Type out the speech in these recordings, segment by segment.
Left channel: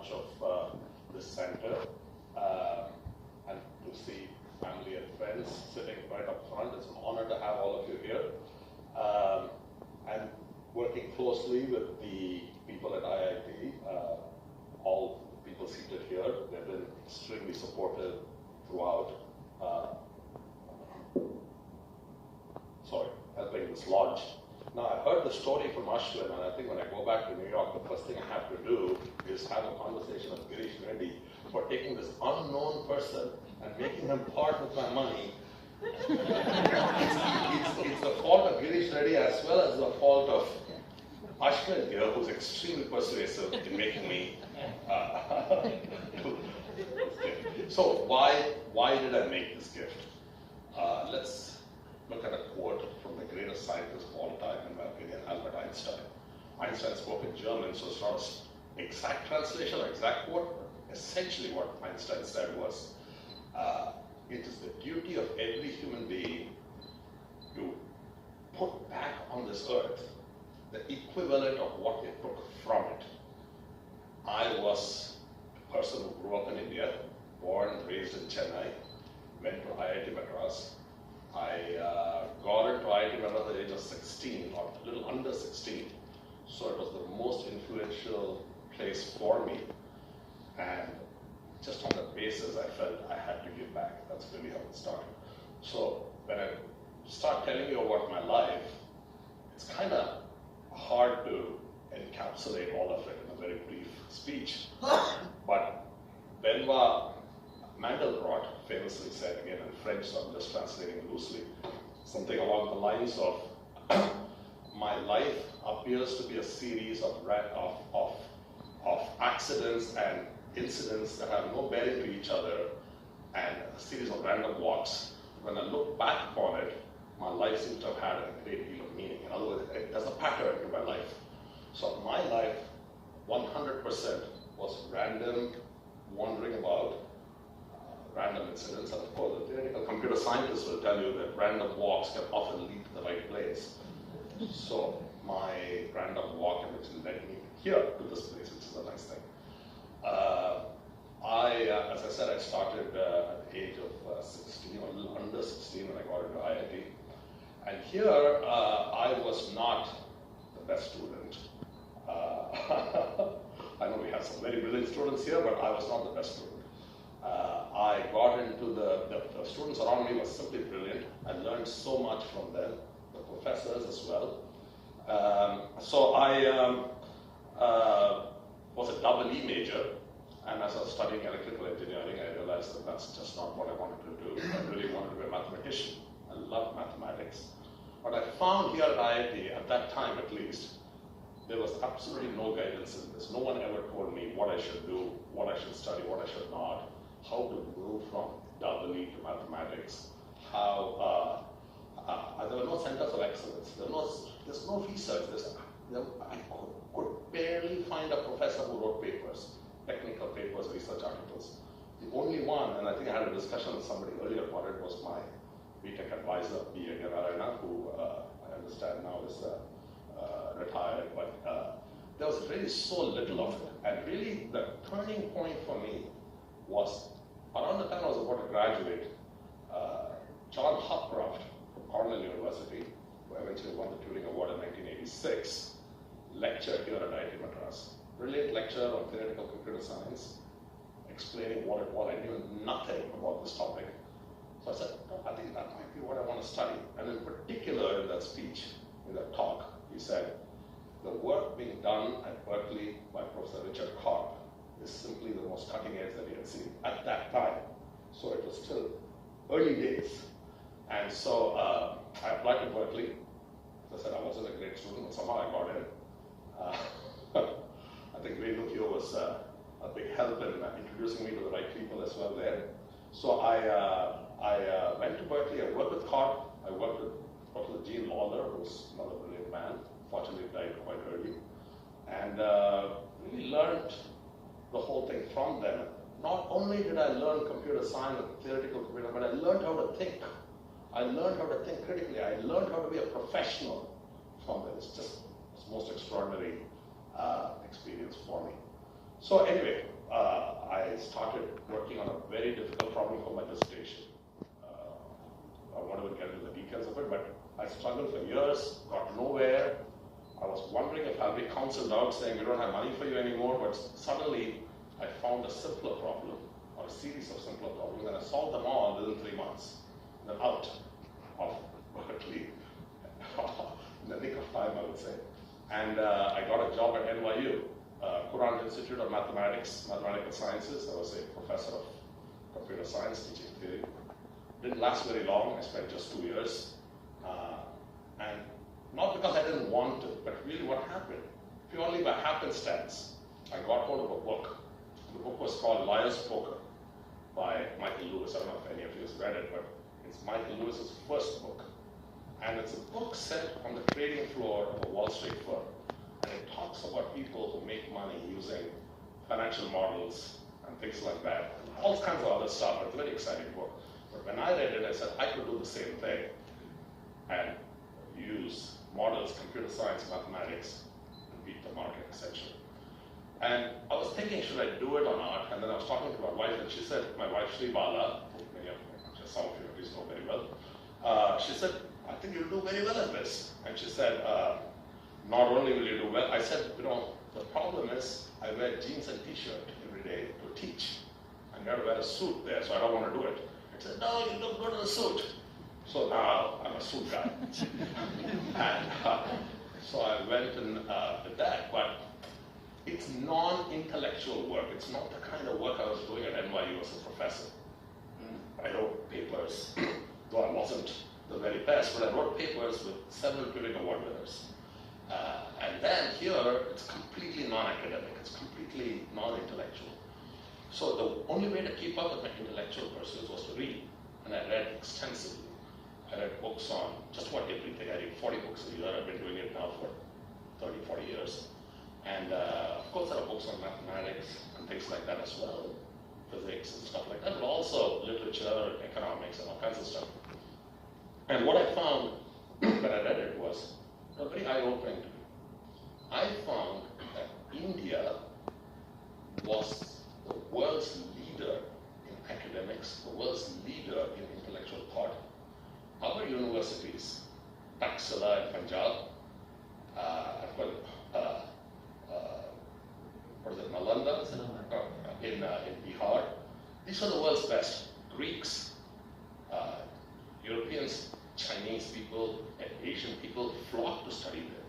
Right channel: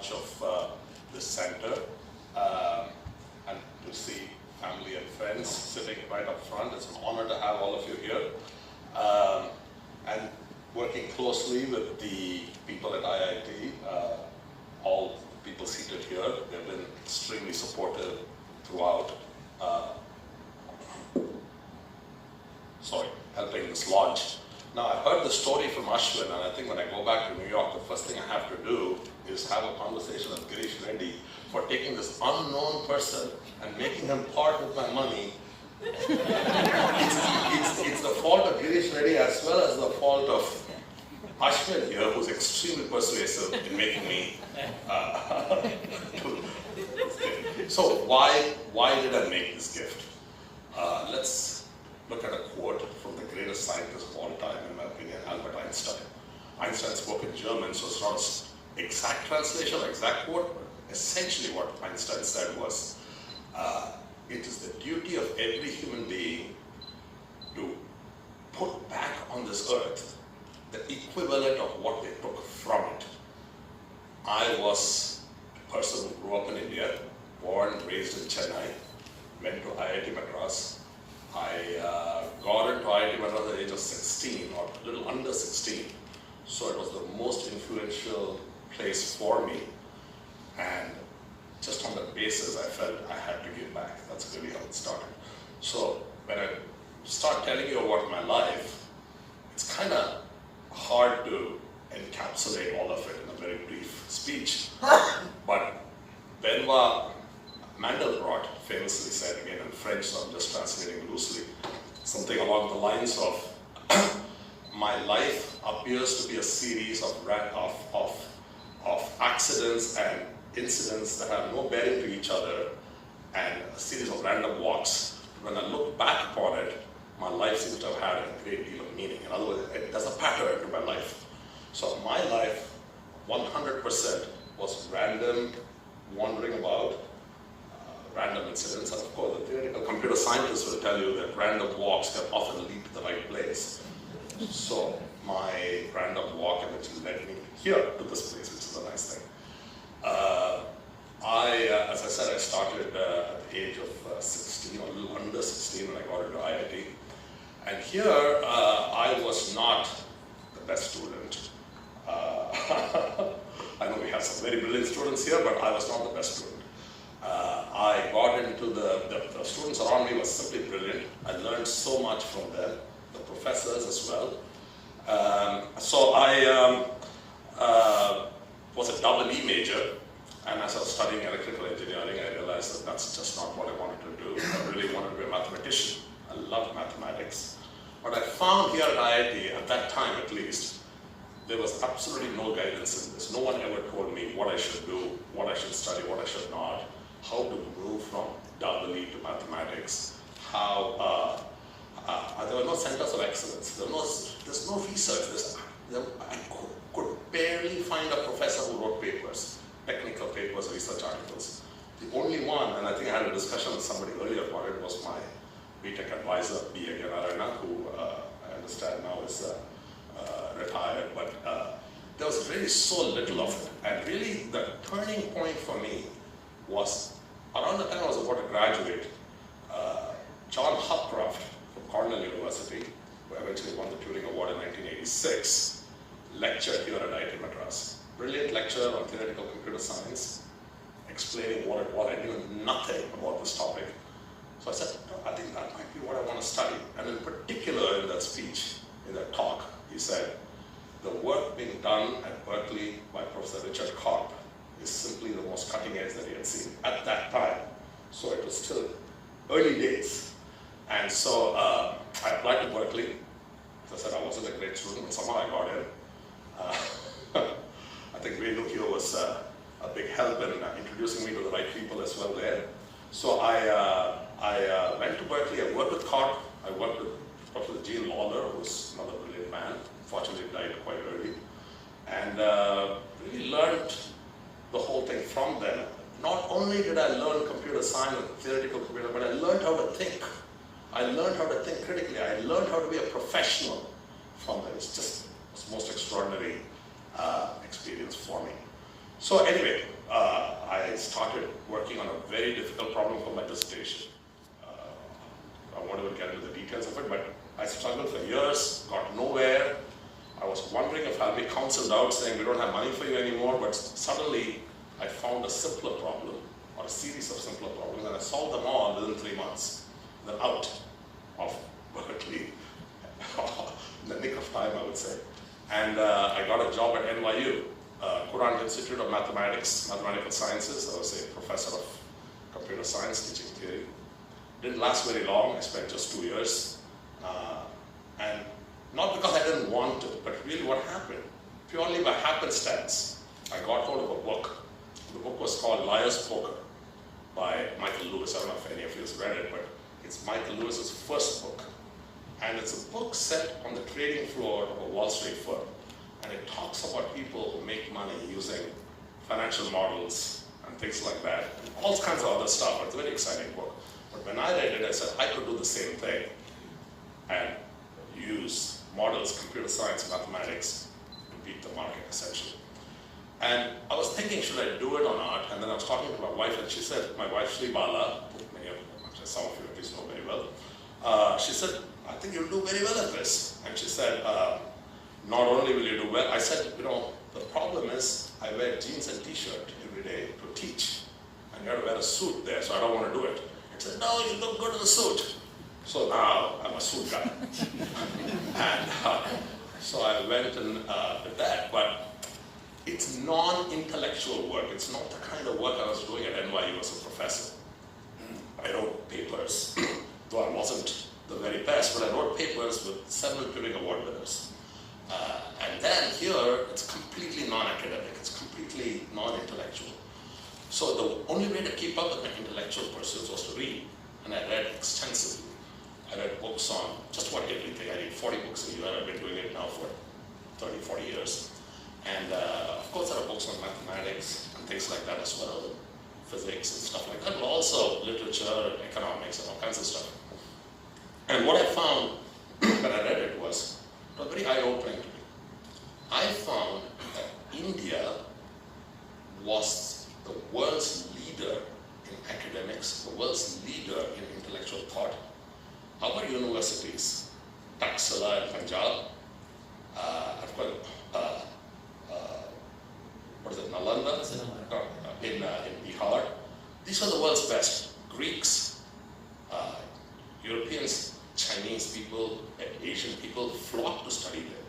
launch of this center, and to see family and friends sitting right up front. It's an honor to have all of you here. And working closely with the people at IIT, all people seated here, they've been extremely supportive throughout helping this launch. Now, I heard the story from Ashwin, and I think when I go back to New York, the first thing I have to do is have a conversation with Girish Reddy for taking this unknown person and making him part with my money. It's the fault of Girish Reddy as well as the fault of Ashwin here, who's extremely persuasive in making me So why did I make this gift? Let's look at a quote from the greatest scientist of all time, in my opinion, Albert Einstein. Einstein spoke in German, so it's not exact translation or exact quote, but essentially what Einstein said was, it is the duty of every human being to put back on this earth the equivalent of what they took from it. I was a person who grew up in India, born and raised in Chennai, went to IIT Madras. I got into IIT Madras at the age of 16, or a little under 16. So it was the most influential place for me. And just on that basis, I felt I had to give back. That's really how it started. So when I start telling you about my life, it's kind of hard to encapsulate all of it in a very brief speech. But Benoit Mandelbrot famously said, again in French, so I'm just translating loosely, something along the lines of, my life appears to be a series of accidents and incidents that have no bearing to each other, and a series of random walks. When I look back upon it, my life seems to have had a great deal of meaning. In other words, there's a pattern to my life. So my life, 100%, was random, wandering about, random incidents, and of course the theoretical computer scientists will tell you that random walks can often lead to the right place. So my random walk eventually led me here to this place, which is a nice thing. As I said, I started at the age of 16, or a little under 16 when I got into IIT. And here, I was not the best student. I know we have some very brilliant students here, but I was not the best student. I got into the students around me were simply brilliant. I learned so much from them, the professors as well. So I was a double E major, and as I was studying electrical engineering, I realized that that's just not what I wanted to do. I really wanted to be a mathematician. I loved mathematics. But I found here at IIT, at that time at least, there was absolutely no guidance in this. No one ever told me what I should do, what I should study, what I should not, how to move from double E to mathematics, how, there were no centers of excellence. There's no research. I could barely find a professor who wrote papers, technical papers, research articles. The only one, and I think I had a discussion with somebody earlier about it, was my BTech advisor, B. Narayana, who I understand now is retired, but there was really so little of it. And really the turning point for me was around the time I was about to graduate, John Hopcroft from Cornell University, who eventually won the Turing Award in 1986, lectured here at IIT Madras. Brilliant lecture on theoretical computer science, explaining what it was. I knew nothing about this topic. So I said, no, I think that might be what I want to study. And in particular, in that speech, in that talk, he said, the work being done at Berkeley by Professor Richard Karp is simply the most cutting edge that he had seen at that time. So it was still early days. And so I applied to Berkeley. As I said, I wasn't a great student, but somehow I got in. I think Renu here was a big help in introducing me to the right people as well there. So I went to Berkeley. I worked with Karp. I worked with Professor Gene Lawler, who's another brilliant man. Fortunately, died quite early. And really learned the whole thing from them. Not only did I learn computer science and theoretical computer, but I learned how to think. I learned how to think critically. I learned how to be a professional from them. It's just the most extraordinary experience for me. So anyway, I started working on a very difficult problem for my dissertation. I won't even get into the details of it, but I struggled for years, got nowhere. I was wondering if I'll be counseled out saying we don't have money for you anymore, but suddenly I found a simpler problem, or a series of simpler problems, and I solved them all within 3 months. Then out of Berkeley, in the nick of time, I would say. And I got a job at NYU, Courant Institute of Mathematical Sciences. I was a professor of computer science, teaching theory. Didn't last very long. I spent just 2 years. And not because I didn't want to, but really what happened, purely by happenstance, I got hold of a book. The book was called Liar's Poker by Michael Lewis. I don't know if any of you have read it, but it's Michael Lewis's first book. And it's a book set on the trading floor of a Wall Street firm. And it talks about people who make money using financial models and things like that, and all kinds of other stuff. It's a very exciting book. But when I read it, I said I could do the same thing and use models, computer science, mathematics to beat the market, essentially. And I was thinking, should I do it or not? And then I was talking to my wife, and she said, my wife, Sri Bala, who many of you, some of you at least know very well, she said, I think you'll do very well at this. And she said, not only will you do well, I said, you know, the problem is I wear jeans and t-shirt every day to teach. And you have to wear a suit there, so I don't want to do it. I said, no, you look good in a suit. So now I'm a suit guy. And so I went and did that, but it's non-intellectual work. It's not the kind of work I was doing at NYU as a professor. I wrote papers, though I wasn't the very best, but I wrote papers with several Turing Award winners. And then here, it's completely non-academic, it's completely non-intellectual. So the only way to keep up with my intellectual pursuits was to read, and I read extensively. I read books on just about everything. I read 40 books a year. I've been doing it now for 30, 40 years. And of course, there are books on mathematics and things like that as well, physics and stuff like that, but also literature, economics, and all kinds of stuff. And what I found when I read it was very eye-opening to me. I found that India was the world's leader in academics, the world's leader in intellectual thought. Our universities, Taxila in Punjab, I've got, what is it, Nalanda in Bihar. These were the world's best. Greeks, Europeans, Chinese people, Asian people flocked to study there.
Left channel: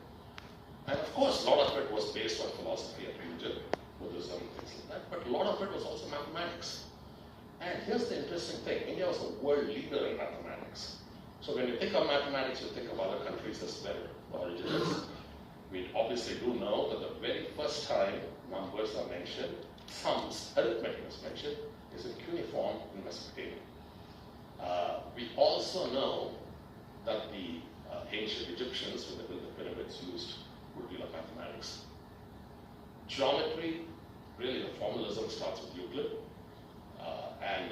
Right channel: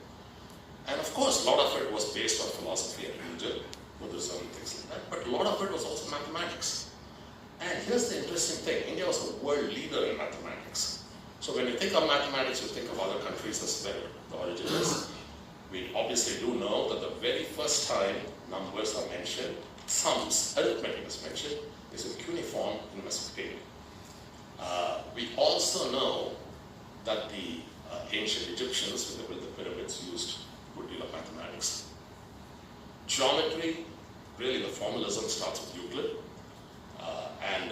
And of course, a lot of it was based on philosophy and religion, Buddhism, things like that, but a lot of it was also mathematics. And here's the interesting thing, India was a world leader in mathematics. So when you think of mathematics, you think of other countries as where the origin is. We obviously do know that the very first time numbers are mentioned, sums, arithmetic is mentioned, is in cuneiform in Mesopotamia. We also know that the ancient Egyptians, when they built the pyramids, used a good deal of mathematics. Geometry, really the formalism starts with Euclid, and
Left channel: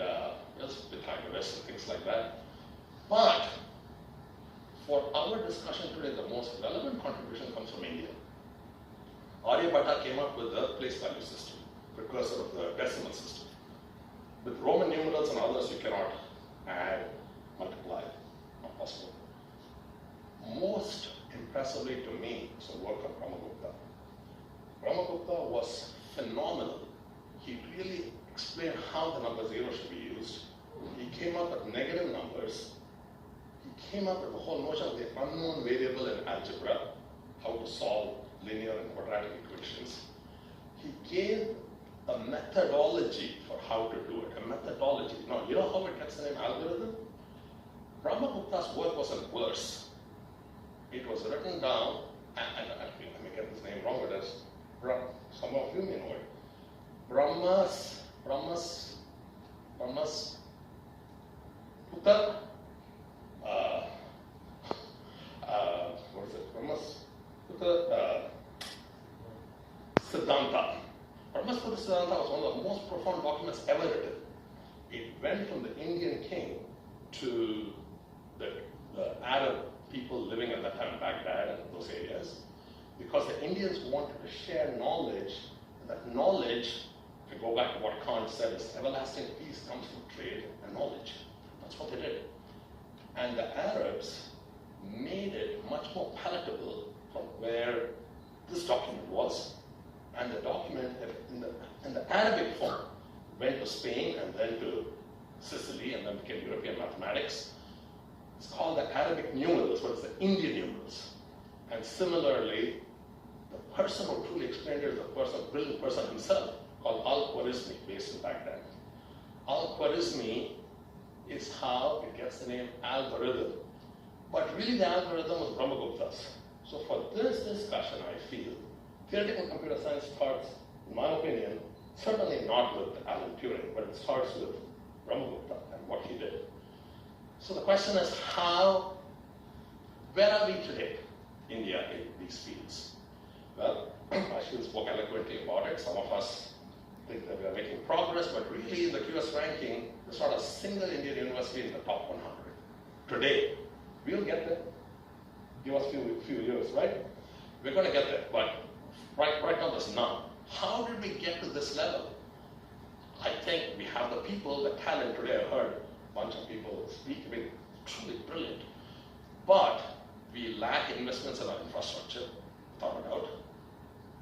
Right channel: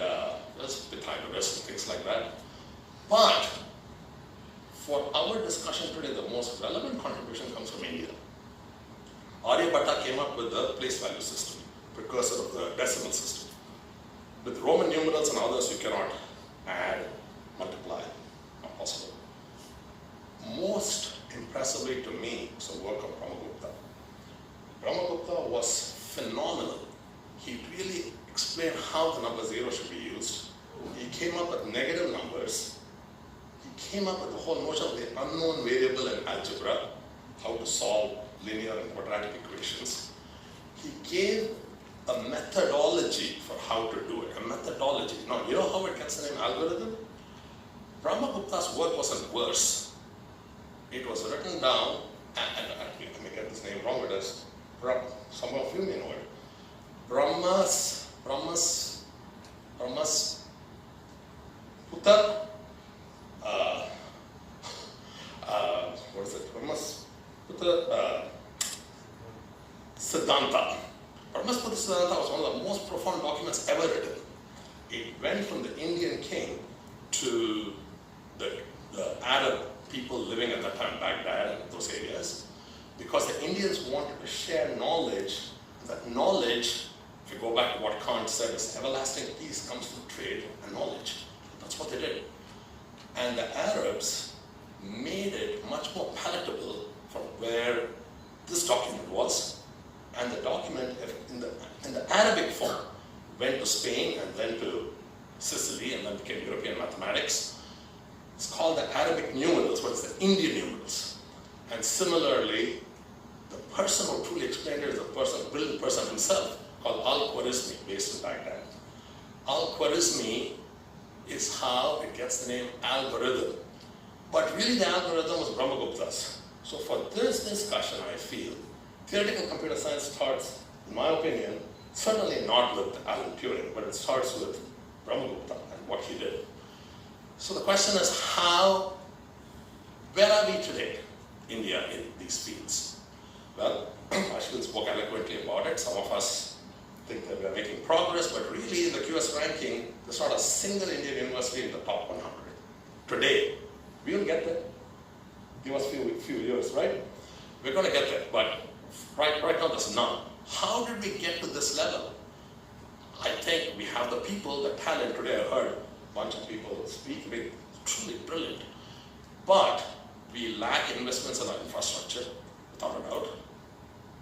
there's Pythagoras and things like that. But for our discussion today, the most relevant contribution comes from India. Aryabhatta came up with the place value system, precursor of the decimal system. With Roman numerals and others, you cannot add, multiply, not possible. Most impressively to me was the work of Brahmagupta. Brahmagupta was phenomenal. He really explained how the number 0 should be used. He came up with negative numbers. He came up with the whole notion of the unknown variable in algebra, how to solve linear and quadratic equations. He gave a methodology for how to do it, a methodology. Now, you know how it gets the name algorithm? Brahmagupta's work wasn't verse. It was written down, and I may get this name wrong, but as some of you may know it. Brahmas Puta, what is it? Brahmas Puta Siddhanta. Brahmaspati Siddhanta was one of the most profound documents ever written. It went from the Indian king to the Arab people living at that time, Baghdad and those areas, because the Indians wanted to share knowledge, and that knowledge, if you go back to what Kant said, is everlasting peace comes from trade and knowledge. That's what they did. And the Arabs made it much more palatable from where this document was. And the document in the Arabic form went to Spain and then to Sicily and then became European mathematics. It's called the Arabic numerals, but it's the Indian numerals. And similarly, the person who truly explained it is a brilliant person himself called Al-Khwarizmi, based in Baghdad. Al-Khwarizmi is how it gets the name algorithm. But really the algorithm was Brahmagupta's. So for this discussion, I feel, theoretical computer science starts, in my opinion, certainly not with Alan Turing, but it starts with Brahmagupta and what he did. So the question is where are we today, India, in these fields? Well, Ashwin spoke eloquently about it. Some of us think that we are making progress, but really in the QS ranking, there's not a single Indian university in the top 100. Today, we'll get there. Give us a few years, right? We're going to get there, but right now there's none. How did we get to this level? I think we have the people, the talent. Today I heard a bunch of people speak, truly brilliant. But we lack investments in our infrastructure, without a doubt.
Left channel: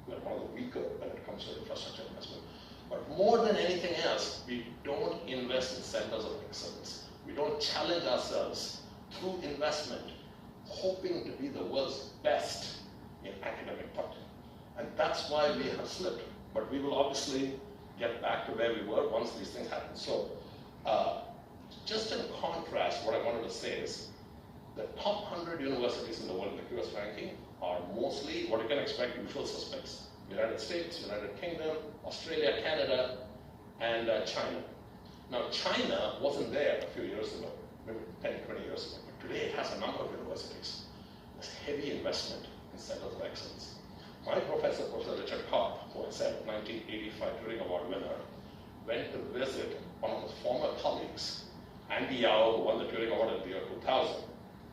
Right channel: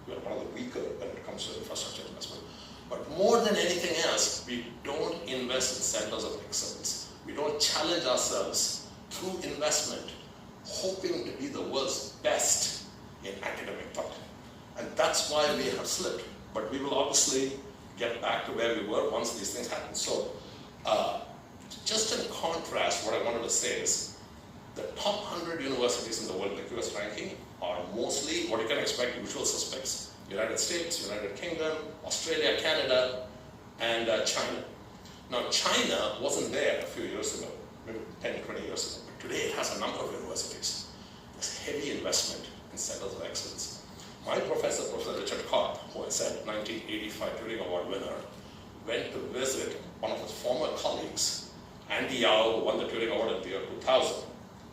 We are one of the weaker when it comes to infrastructure investment. But more than anything else, we don't invest in centers of excellence. We don't challenge ourselves through investment, hoping to be the world's best in academic thought. And that's why we have slipped. But we will obviously get back to where we were once these things happen. So just in contrast, what I wanted to say is the top 100 universities in the world in the QS ranking are mostly what you can expect, usual suspects. United States, United Kingdom, Australia, Canada, and China. Now China wasn't there a few years ago, maybe 10, 20 years ago, but today it has a number of universities. There's heavy investment in centers of excellence. My professor, Professor Richard Kopp, who I said 1985 Turing Award winner, went to visit one of his former colleagues, Andy Yao, who won the Turing Award in the year 2000,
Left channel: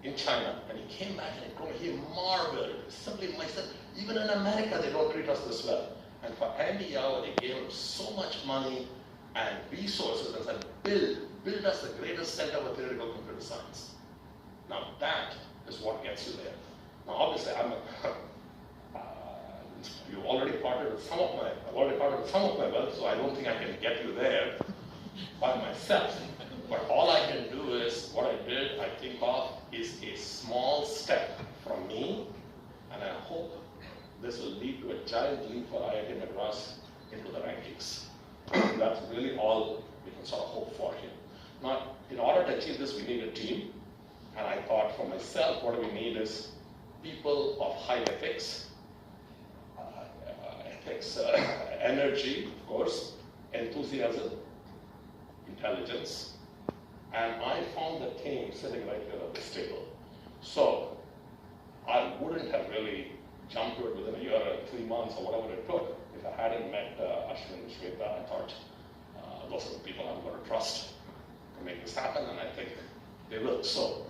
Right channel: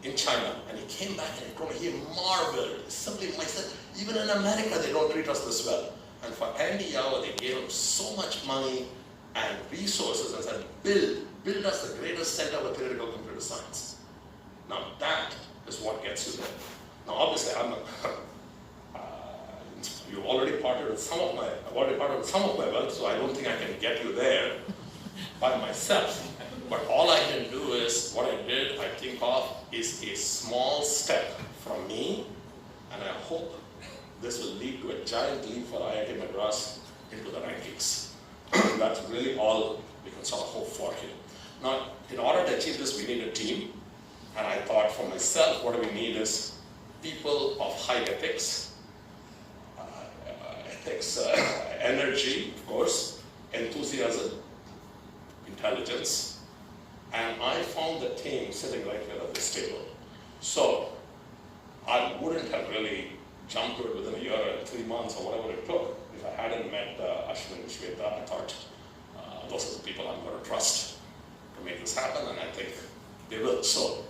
in China. And he came back and he told me he marveled. Simply, I said, even in America, they don't treat us this well. And for Andy Yao, they gave him so much money and resources and said, build us the greatest center for theoretical computer science. Now that is what gets you there. Now obviously, I've already parted with some of my wealth, so I don't think I can get you there by myself. But all I can do is, what I did, I think of, is a small step from me, and I hope this will lead to a giant leap for IIT Madras into the rankings. That's really all we can sort of hope for here. Now, in order to achieve this, we need a team. And I thought for myself, what we need is people of high ethics, energy, of course, enthusiasm, intelligence. And I found the team sitting right here at this table. So I wouldn't have really jumped to it within a year or 3 months or whatever it took if I hadn't met Ashwin and Shweta. I thought those are the people I'm going to trust to make this happen, and I think they will. So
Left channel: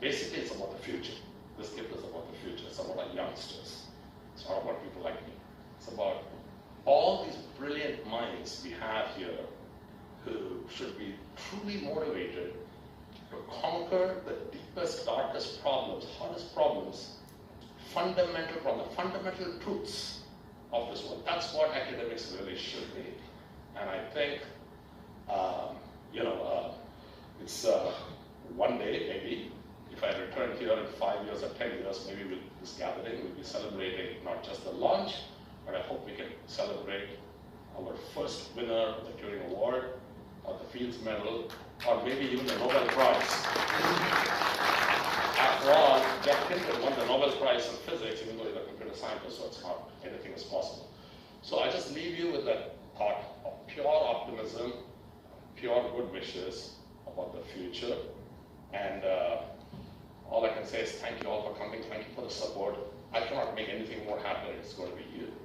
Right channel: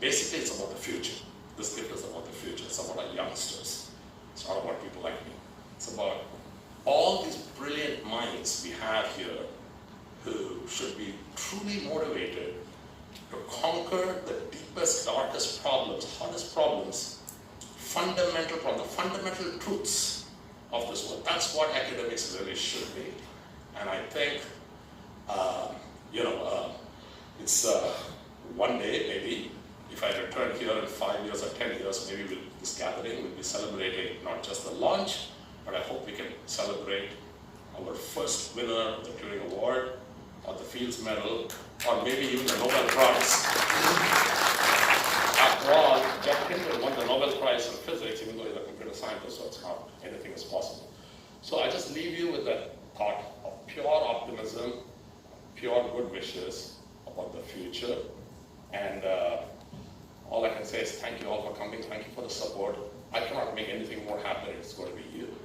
basically, it's about the future. This gift is about the future. It's about our youngsters. It's not about people like me. It's about all these brilliant minds we have here who should be truly motivated to conquer the deepest, darkest problems, hardest problems, the fundamental truths of this world. That's what academics really should be. And I think, it's one day, maybe, if I return here in 5 years or 10 years, maybe this gathering will be celebrating not just the launch, but I hope we can celebrate our first winner of the Turing Award, or the Fields Medal, or maybe even the Nobel Prize. After all, Jeff Hinton won the Nobel Prize in physics, even though he's a computer scientist, so it's not anything is possible. So I just leave you with that thought of pure optimism, pure good wishes about the future. And all I can say is thank you all for coming. Thank you for the support. I cannot make anything more happen. It's going to be you.